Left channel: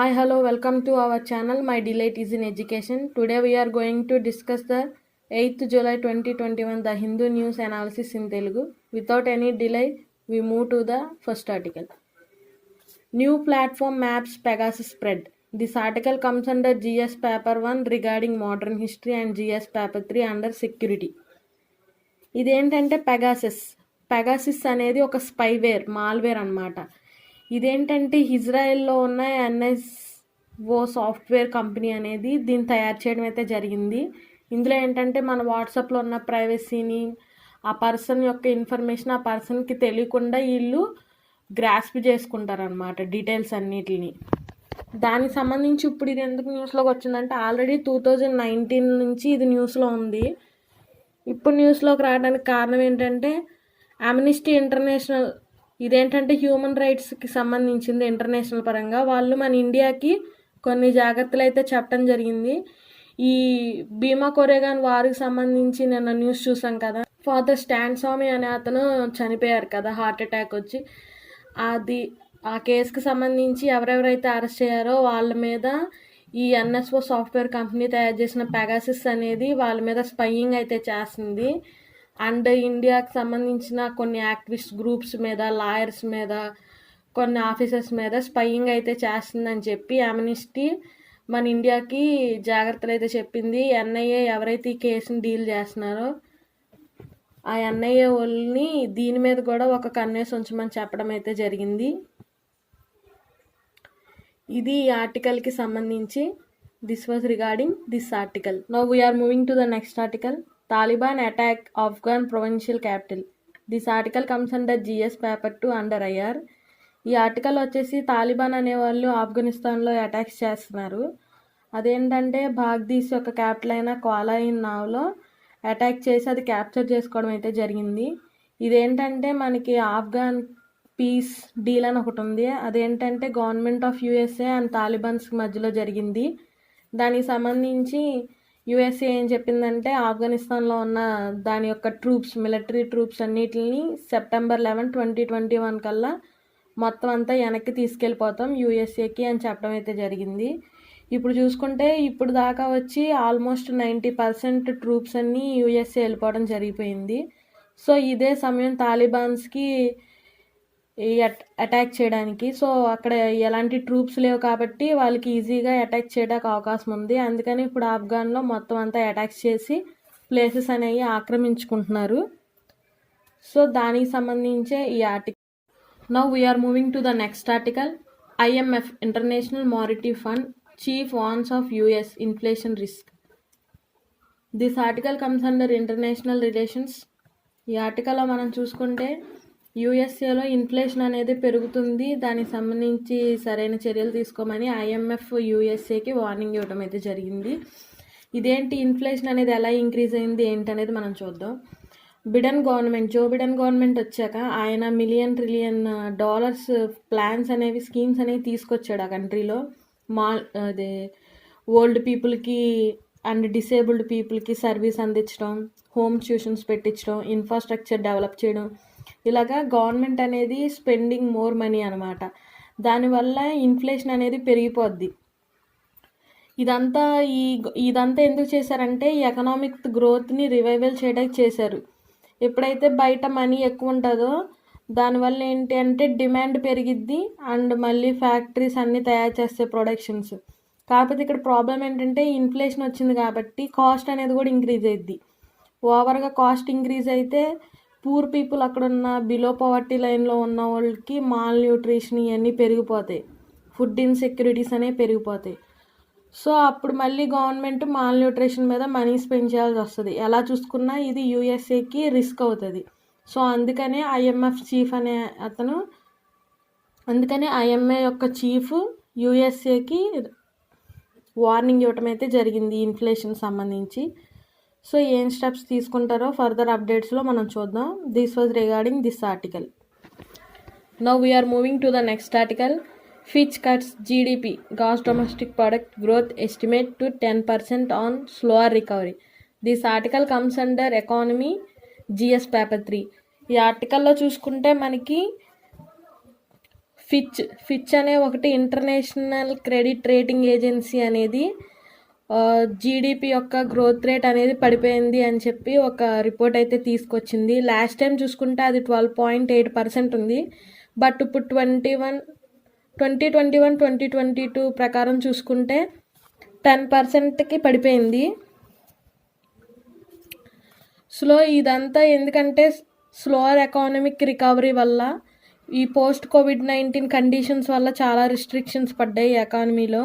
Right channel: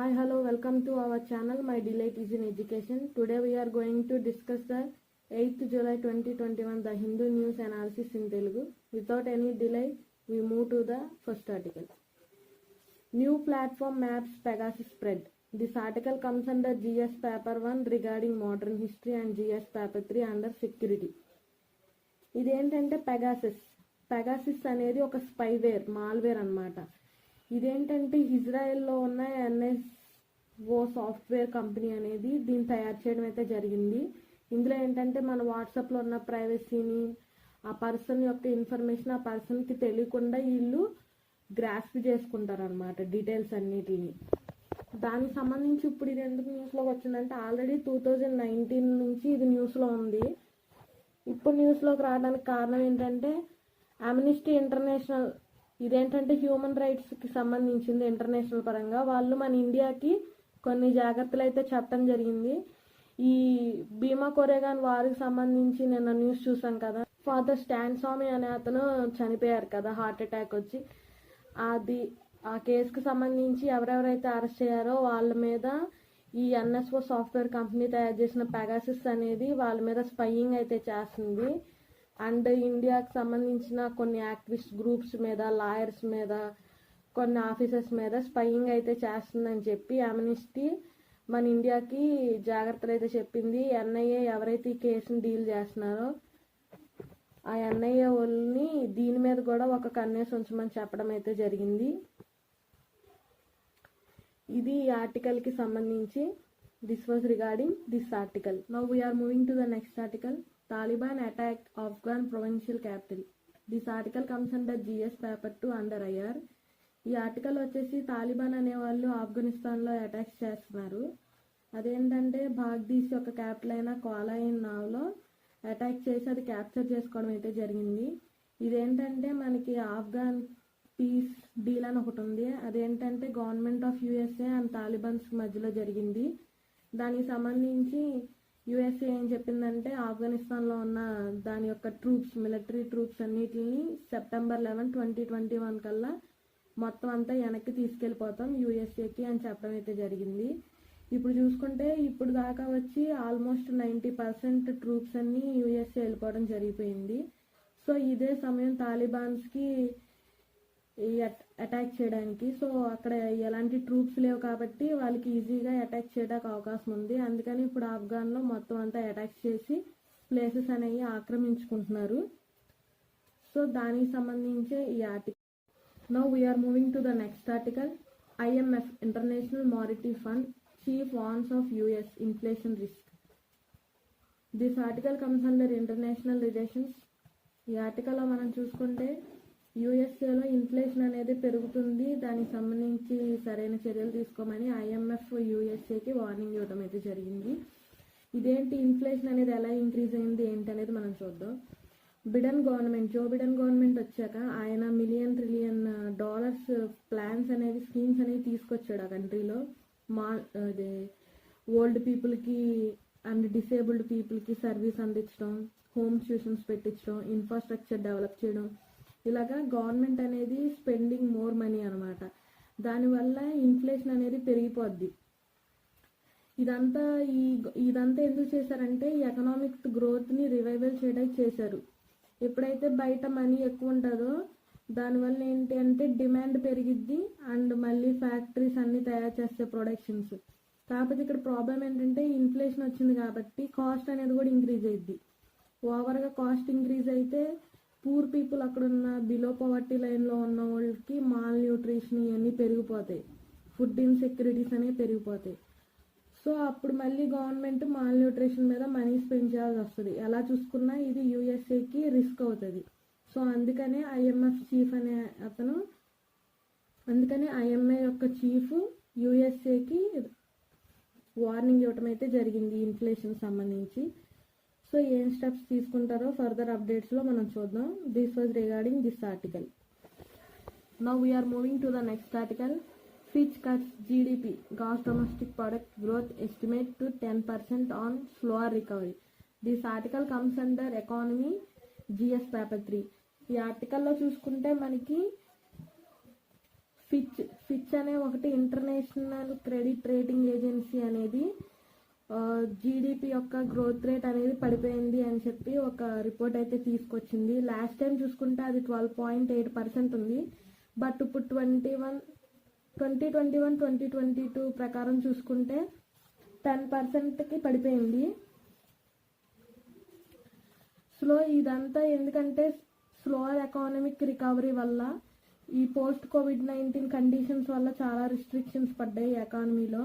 Hi, hello, welcome to our channel. My delight is in education. Today we are going to discuss the 8th July 2021 the Hindu news analysis in Telugu. Without any delay, we move to the first article. New platform maps Pegasus spread. This article comes under GS paper 1 regarding modern history and GS paper 3 under security. ఇదేంటంటే Pegasus అనేది ఒక spyware malware అనమాట. ఇదేంటంటే ఇజ్రాయెల్లో ఉన్న NSO software company అనేది దీన్ని తయారు చేయడం అయితే జరిగింది. ఇందులో ఏంటంటే మన వాట్సాప్లో ఉన్న ప్రైవసీని, ఆ పర్సన్ యొక్క ఇన్ఫర్మేషన్ ఆ పర్సన్కి తెలియకుండా వీళ్ళు గ్రాస్ప్ చేసుకుంటారనమాట డీటెయిల్స్ అన్నిటిని. దానికి సంబంధించి ఇప్పుడు ఇది ఎందుకు న్యూస్లోకి వచ్చిందంటే ఆల్రెడీ 2019 నుంచి ఇది న్యూస్లో ఉంది. ఇప్పుడు న్యూస్లోకి రావడానికి కారణం ఏంటంటే అమ్నిస్టీ ఇంటర్నేషనల్ ఇదేంటంటే హ్యూమన్ రైట్స్కి సంబంధించింది ఇంటర్నేషనల్ పరంగా. వాళ్ళు మన ఇండియాకి కొన్ని జాగ్రత్తలు అయితే చెప్పడం జరిగింది. ఈ భీమా కొరేగాన్ వారికి సంబంధించి నిన్న న్యూస్ చూసాం కదా, ఫాదర్ స్టాన్ స్వామి అనే అతను చనిపోయారు కదా హార్ట్ అటాక్ వచ్చి. ఆ కేసుకి సంబంధించి ఎవరెవరైతే అరెస్ట్ అయ్యారో వాళ్ళ మీద ఈ ఎన్ఎస్ఓ సాఫ్ట్వేర్ కంపెనీ తయారు చేసిన పెగాసిస్ అనేది వాళ్ళ మీద స్పైయింగ్ అయితే చేస్తుంది. అండ్ ఇండియాకి సంబంధించిన కొన్ని యాక్టివిస్ట్ గ్రూప్స్ మీద, లాయర్స్ మీద, కొన్ని ఆఫీసర్స్ మీద స్పైయింగ్ అయితే చేస్తుందని చెప్పి అమ్నిస్టీ మన ఇండియాకి జాగ్రత్తలు అయితే చెప్పింది. ఎన్ఐఏ ఎవరైతే ఈ కేసుని డీల్ చేస్తున్నారో ఆ ఎన్ఐఏ వాళ్ళని దీని మీద కూడా ఒక కన్నేసి ఉంచమని చెప్పడం అయితే జరిగింది. ఇది ఈ ఆర్టికల్కి సంబంధించి. This was regarding this article. Now we're moving to the next article. Taliban attack Afghan provincial capital. This article comes under GS paper 2 under IR. ఈ ఆర్టికల్ వచ్చేసి తాలిబాన్ అనేవాళ్ళు ఆఫ్ఘనిస్తాన్లో అటాక్స్ చేస్తున్నారు. అదేంటంటే బాగ్దీస్ యొక్క క్యాపిటల్ అయిన క్వాలాయిన్ నావ్లో అటాక్ చేసి అది క్యాప్చర్ చేసుకోవడం అయితే జరిగింది. ఇదేంటంటే మనకి ఆఫ్ఘన్ పీస్ డీల్ అని ఒకటి ఉంది. అదేంటంటే government of USA and Talibans మధ్యలో జరిగింది. దానికి సంబంధించి యూఎస్ఏ ఏం చెప్పిందంటే ఆఫ్ఘనిస్తాన్లో ఉన్న దాని యొక్క ట్రూప్స్, మిలిటరీ ట్రూప్స్ అన్నిటిని సెప్టెంబర్ 11, 2021 కల్లా మొత్తం అంతా వెనక్కి తీసుకెళ్ళిపోతాం యూఎస్ఏకి అని చెప్పడం అయితే జరిగింది. ఇప్పుడు చూసుకుంటే ఇప్పుడు దాకా వచ్చి ఆల్మోస్ట్ 90% ట్రూప్స్ అన్నీ యూఎస్ఏ వెళ్ళిపోవడం జరిగిపోయింది. సో ఇదే సమయం తాలిబాన్స్కి అటాక్ చేయడానికి. సో అక్కడ ఎలాంటి ట్రూప్స్ లేవు కాబట్టి వాళ్ళకి ఈజీగా అటాక్ చేయడానికి అవకాశం ఉంది. అందుకని ఇప్పుడు ఆఫ్ఘన్లో మొత్తం అంతా అటాక్స్ చేసి ప్లేసెస్ అనేవి ఆక్రమించుకుంటున్నారు. సో దానికి సంబంధించే ఈ article. Now we're moving to the next article. IMF International Monetary Fund chief warns of US inflation risk. This article comes under International Relations. ఈ ఆర్టికల్లో మనం చూసుకుంటే యూఎస్ఏలో ఇన్ఫ్లేషన్ అనేది పెరుగుతుంది, దానికి సంబంధించి సరైన చర్యలు తీసుకోమని ఐఎంఎఫ్ యూఎస్ఏకి వార్నింగ్ ఇవ్వడం అయితే జరిగింది. ఇదేంటి ఇన్ఫ్లేషన్ అనేది ఎలా ఇంక్రీజ్ అయింది ఏంటనేది మనం చూద్దాం. జో బిడెన్ గవర్నమెంట్ వచ్చాక ఆయన $1,000,000,000,000 ప్లాన్స్ అనేవి, స్కీమ్స్ అనేవి తీసుకొచ్చాడు ఆ కంట్రీలో. ఓల్డ్ పీపుల్కి అండ్ డిసేబుల్డ్ పీపుల్కి సర్వీస్ అందించడం, హోమ్ ట్యూషన్స్ పెట్టించడం, ఇన్ఫ్రాస్ట్రక్చర్ డెవలప్ చేయడం, ఇలాగా గవర్నమెంట్ అనేది స్పెండింగ్ మోర్ మనీ అనమాట. దానివల్ల ఇన్ఫ్లేషన్ అనేది పెరిగిపోద్ది. ఇదంతా ఎందుకు చేశారంటే ఎకనామిక్ గ్రోత్ని రివైవల్ చేయడానికి చేశారు. ఎప్పుడైతే బయట మనీ ఎక్కువ ఉంటుందో దానివల్ల ఏంటి అంటే డిమాండ్ పెరిగిద్ది అండ్ మళ్ళీ ఫ్యాక్టరీస్ అన్నీ తయారు చేస్తే ప్రొడక్షన్స్. కాకపోతే ఇక్కడ ప్రాబ్లం ఏంటంటే ఇన్ఫ్లేషన్ వచ్చింది కాబట్టి కాస్ట్ అనేది కూడా ఇంక్రీజ్ అయ్యిద్ది. ఓవర్గా కాస్ట్ ఇంక్రీజ్ అయితే పూర్ పీపుల్ అక్కడ ఉన్న బిలో పవర్టీ లైన్లో ఉన్న వాళ్ళకి మాల్ న్యూట్రిషన్ ఇవన్నీ పెరిగిపోతాయి, ఫుడ్ ఇన్సెక్యూరిటీస్ అనేవి పెరిగిపోతాయి. సో అప్పుడు మళ్ళీ గవర్నమెంట్ మాల్ న్యూట్రిషన్ మీద మనీ స్పెండ్ చేయాల్సి వస్తుంది. ఎలా చూసుకున్నా ఇది యూఎస్ఏకి రిస్క్ అవుతుంది. సో అందుకనే ఐఎంఏ యొక్క చీఫ్ యూఎస్ఏకి వార్నింగ్ ఇవ్వటం అయితే జరిగింది ఇన్ఫ్లేషన్ సంబంధించి. సో ఏం స్టెప్స్ తీసుకుంటారో ఫర్దర్ అప్డేట్స్లో మనం చూద్దాం. This was regarding this article. Now we're moving to the next article. Fitch cuts GDP gross domestic product growth estimate to 10% on slower recovery. This article comes under economy GS paper 3. ఈ ఆర్టికల్లో చూసుకుంటే మనకి Fitch అనే ఒకటి international credit rating agency అనేది GDP యొక్క growth rate అనేది పడిపోయింది అని చెప్పి ఒక రిపోర్ట్ అయితే తీసుకొచ్చింది. లాస్ట్ టైం చూసుకుంటే అది 12.8% ఉంది. బట్ ఇప్పుడు 2021-2022 ప్రకారం చూసుకుంటే 10%కి పడిపోయింది. ఇదంతా ఎందుకంటే స్లోవర్ ఎకానమిక్ రికవరీ వల్ల, ఈ పోస్ట్ కోవిడ్-19 కండిషన్స్ వల్ల చాలా రిస్ట్రిక్షన్స్ పడ్డాయి ఎకానమీలో.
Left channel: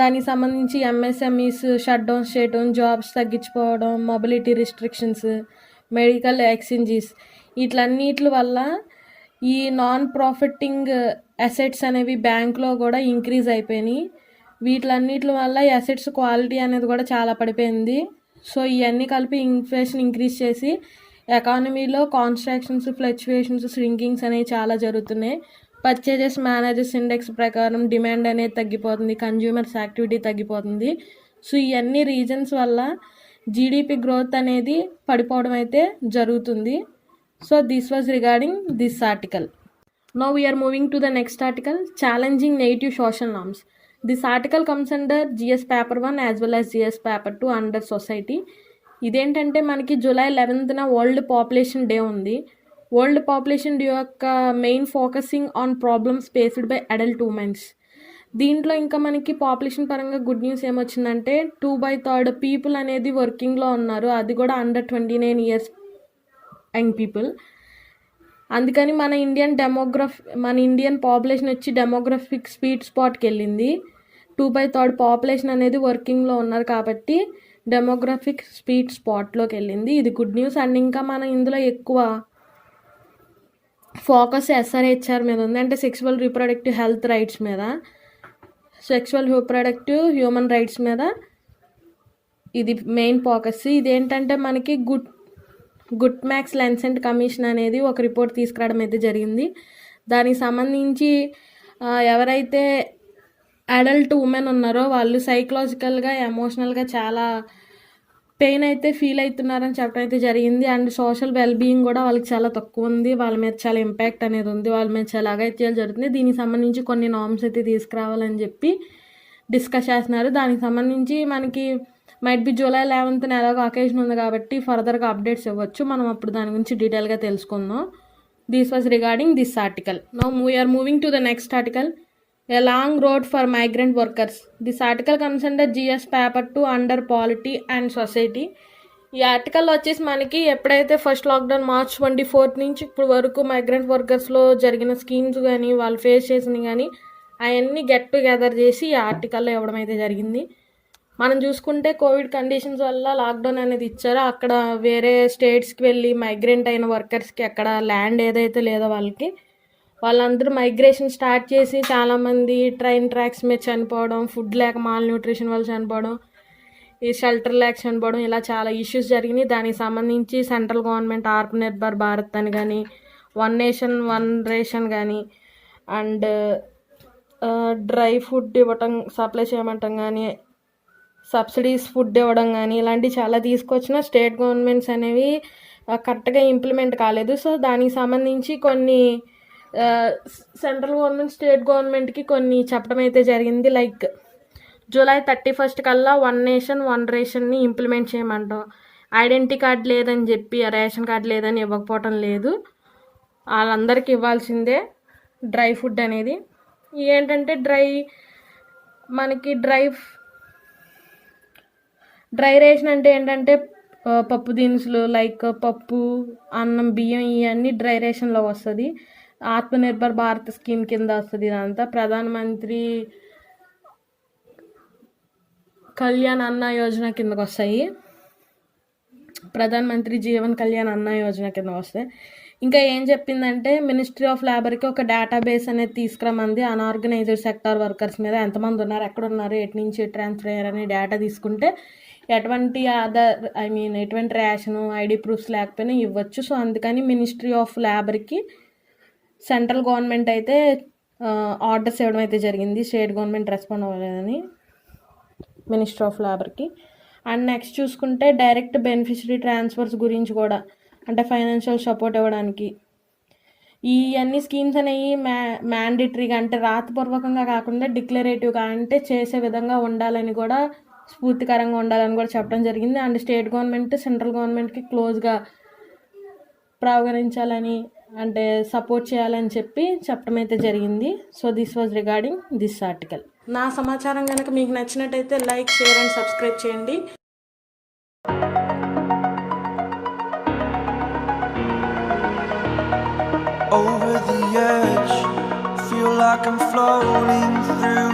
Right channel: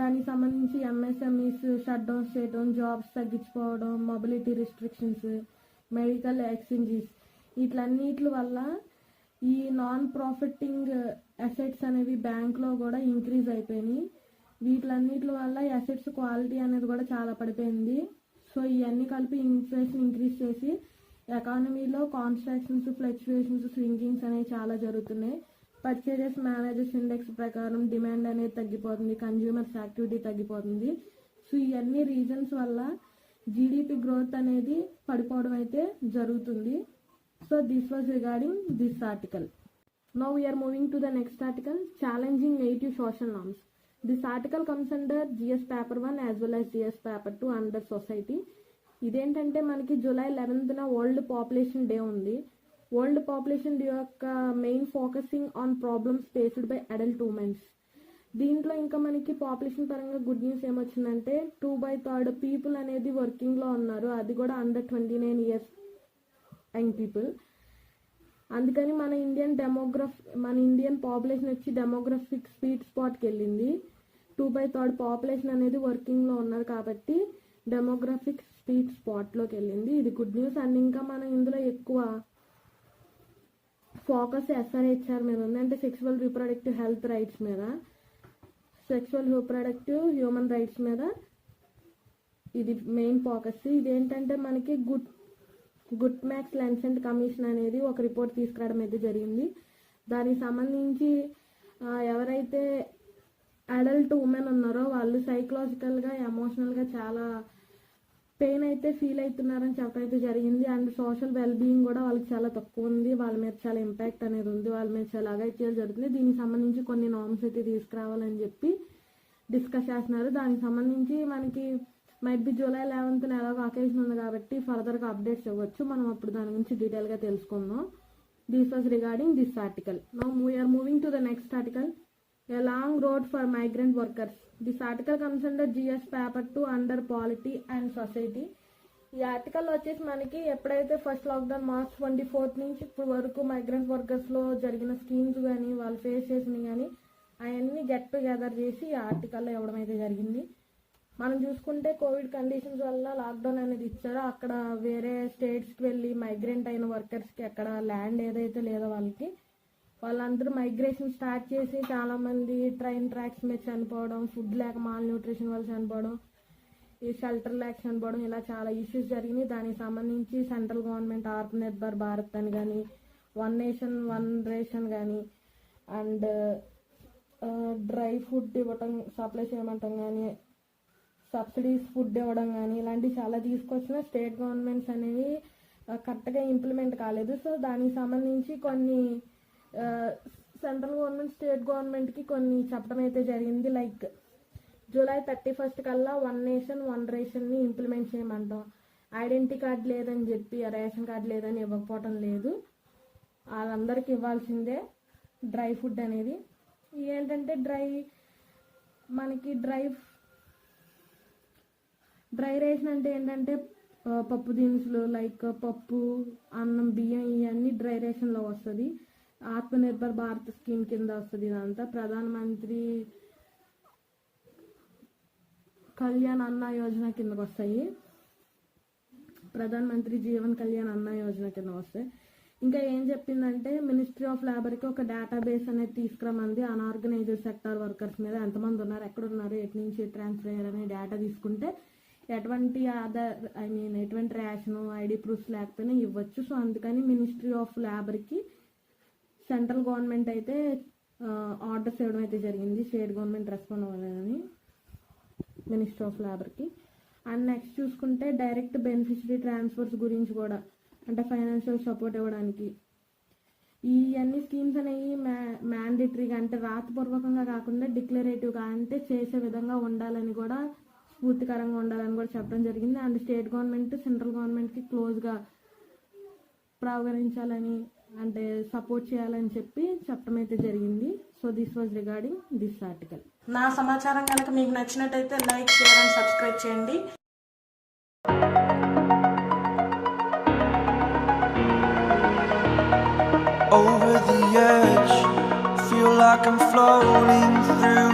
దానికి సంబంధించి ఎంఎస్ఎంఈస్ షట్ డౌన్స్ చేయడం, జాబ్స్ తగ్గించుకోవడం, మొబిలిటీ రిస్ట్రిక్షన్స్, మెడికల్ ఎక్స్చేంజెస్, వీటన్నిటి వల్ల ఈ నాన్ ప్రాఫిటింగ్ అసెట్స్ అనేవి బ్యాంక్లో కూడా ఇంక్రీజ్ అయిపోయినాయి. వీటన్నిటి వల్ల అసెట్స్ క్వాలిటీ అనేది కూడా చాలా పడిపోయింది. ఇవన్నీ కలిపి ఇన్ఫ్లేషన్ ఇంక్రీజ్ చేసి ఎకానమీలో కాన్స్ట్రాక్షన్స్, ఫ్లక్చువేషన్స్, ష్రింకింగ్స్ అనేవి చాలా జరుగుతున్నాయి. పర్చేజెస్ మేనేజర్స్ ఇండెక్స్ ప్రకారం డిమాండ్ అనేది తగ్గిపోతుంది, కన్జ్యూమర్స్ యాక్టివిటీ తగ్గిపోతుంది. ఇవన్నీ రీజన్స్ వల్ల జీడిపి గ్రోత్ అనేది పడిపోవడం అయితే జరుగుతుంది. This was regarding this article. Now we are moving to the next article, challenging negative social norms. This article comes under GS paper 1 as well as GS paper 2 under society. ఇదేంటంటే మనకి July 11th world population day ఉంది. World population day యొక్క main focusing on problems faced by adult women's. దీంట్లో ఇంకా మనకి population పరంగా good news ఏమొచ్చిందంటే 2/3 people అనేది వర్కింగ్లో ఉన్నారు, అది కూడా అండర్ 29 years యంగ్ పీపుల్. అందుకని మన ఇండియన్ పాపులేషన్ వచ్చి డెమోగ్రఫిక్ స్వీట్ స్పాట్కి వెళ్ళింది. 2/3 పాపులేషన్ అనేది వర్కింగ్లో ఉన్నారు కాబట్టి డెమోగ్రఫిక్ స్వీట్ స్పాట్లోకి వెళ్ళింది. ఇది గుడ్ న్యూస్. అండ్ ఇంకా మనం ఇందులో ఎక్కువ ఫోకస్ SRHR మీద ఉంది, అంటే సెక్సువల్ రీప్రొడక్టివ్ హెల్త్ రైట్స్ మీద, సెక్సువల్ రీప్రొడక్టివ్ హ్యూమన్ రైట్స్ మీద ఇది మెయిన్ ఫోకస్. ఇదేంటంటే మనకి గుడ్ మ్యాక్స్ లెన్సెంట్ కమిషన్ అనేది ఒక రిపోర్ట్ తీసుకురావడం అయితే జరిగింది. దానికి సంబంధించి ఎవరైతే అడల్ట్ ఉమెన్ ఉన్నారో వాళ్ళు సైకలాజికల్గా, ఎమోషనల్గా చాలా పెయిన్ అయితే ఫీల్ అవుతున్నారని చెప్పడం అయితే జరిగింది. అండ్ సోషల్ వెల్బీయింగ్ కూడా వాళ్ళకి చాలా తక్కువ ఉంది, వాళ్ళ మీద చాలా ఇంపాక్ట్ అనేది ఉంది, వాళ్ళ మీద చాలా అగత్యాలు జరుగుతుంది. దీనికి సంబంధించి కొన్ని నార్మ్స్ అయితే తీసుకురావాలని చెప్పి డిస్కస్ చేస్తున్నారు. దానికి సంబంధించి మనకి మైట్ బి July 11th ఎలాగో అకేషన్ ఉంది కాబట్టి ఫర్దర్గా అప్డేట్స్ ఇవ్వచ్చు, మనం అప్పుడు దాని గురించి డీటెయిల్గా తెలుసుకుందాం. This was regarding this article. Now we're moving to the next article, A long road for migrant workers. This article comes under GS paper 2 under polity and society. ఈ ఆర్టికల్ వచ్చేసి మనకి ఎప్పుడైతే ఫస్ట్ లాక్డౌన్ March 24th నుంచి ఇప్పుడు వరకు migrant వర్కర్స్లో జరిగిన schemes కానీ వాళ్ళు ఫేస్ చేసినవి కానీ అవన్నీ గెట్ టుగెదర్ చేసి ఈ ఆర్టికల్లో ఇవ్వడం అయితే జరిగింది. మనం చూసుకుంటే కోవిడ్ కండిషన్స్ వల్ల లాక్డౌన్ అనేది ఇచ్చారో అక్కడ వేరే స్టేట్స్కి వెళ్ళి మైగ్రెంట్ అయిన వర్కర్స్కి అక్కడ ల్యాండ్ ఏదైతే లేదో వాళ్ళందరూ మైగ్రేషన్ స్టార్ట్ చేసి చాలామంది ట్రైన్ ట్రాక్స్ మీద చనిపోవడం, ఫుడ్ లేక మాల్ న్యూట్రిషన్ వల్ల చనిపోవడం, ఈ షెల్టర్ లేక చనిపోవడం, ఇలా చాలా ఇష్యూస్ జరిగినాయి. దానికి సంబంధించి సెంట్రల్ గవర్నమెంట్ ఆత్మనిర్భర్ భారత్ అని కానీ, వన్ నేషన్ వన్ రేషన్ కానీ, అండ్ డ్రై ఫుడ్ ఇవ్వటం సప్లై చేయమంటాం కానీ, సబ్సిడీస్ ఫుడ్ ఇవ్వడం కానీ, ఇలాంటివి చాలా తీసుకొచ్చిన స్టేట్ గవర్నమెంట్స్ అనేవి కరెక్ట్గా ఇంప్లిమెంట్ కాలేదు. దానికి సంబంధించి కొన్ని సెంట్రల్ గవర్నమెంట్ స్టేట్ గవర్నమెంట్కి కొన్ని చెప్పడం అయితే జరిగింది. లైక్ July 31st కల్లా వన్ నేషన్ వన్ రేషన్ని ఇంప్లిమెంట్ చేయమంటాం. ఐడెంటిటీ కార్డ్ లేదని చెప్పి రేషన్ కార్డ్ లేదని ఇవ్వకపోవటం లేదు, వాళ్ళందరికీ ఇవ్వాల్సిందే డ్రై ఫుడ్ అనేది. ఏంటంటే మనకి డ్రై రేషన్ అంటే ఏంటంటే పప్పు దినుసులు లైక్ పప్పు, అన్నం, బియ్యం ఇవన్నీ డ్రై రేషన్లో వస్తుంది. ఆత్మనిర్భర్ భారత్ స్కీమ్ కింద వస్తుంది. ఇదంతా ప్రధానమంత్రి కళ్యాణ్ అన్న యోజన కిందకు వస్తాయి, ప్రధానమంత్రి జీవన్ కళ్యాణ్ అన్న యోజన కింద వస్తాయి. ఇంకా ఏం చెప్పిందంటే మినిస్ట్రీ ఆఫ్ లేబర్కి ఒక డేటాబేస్ అనేది తీసుకురమంది. అన్ఆర్గనైజ్డ్ సెక్టార్ వర్కర్స్ మీద ఎంతమంది ఉన్నారు, ఎక్కడ ఉన్నారు, ఎటు నుంచి ట్రాన్స్ఫర్ అయ్యారని డేటా తీసుకుంటే ఎటువంటి ఎటువంటి రేషను ఐడి ప్రూఫ్స్ లేకపోయినా ఇవ్వచ్చు. అందుకని మినిస్ట్రీ ఆఫ్ లేబర్కి సెంట్రల్ గవర్నమెంట్ అయితే ఆర్డర్స్ ఇవ్వడం అయితే జరిగింది. స్టేట్ గవర్నమెంట్ రెస్పాండ్ అవ్వలేదని మినిస్ట్రీ ఆఫ్ లేబర్కి. అండ్ నెక్స్ట్ చూసుకుంటే డైరెక్ట్ బెనిఫిషరీ ట్రాన్స్ఫర్స్ గురించి కూడా, అంటే ఫైనాన్షియల్ సపోర్ట్ ఇవ్వడానికి ఈ అన్ని స్కీమ్స్ అనేవి మ్యాండేటరీగా అంటే రాతపూర్వకంగా కాకుండా డిక్లరేటివ్గా అంటే చేసే విధంగా ఉండాలని కూడా, స్ఫూర్తికరంగా ఉండాలని కూడా చెప్పడం జరిగింది. అండ్ స్టేట్ గవర్నమెంట్ సెంట్రల్ గవర్నమెంట్కి క్లోజ్గా ప్రావగణించాలని అంటే సపోర్ట్ చేయాలని చెప్పడం అయితే జరిగింది. So this was regarding this article. నా సమాచారం కనుక మీకు నచ్చినట్టయితే లైక్, షేర్ అండ్ సబ్స్క్రైబ్ చేయండి. Over the edge, feel like I'm floating through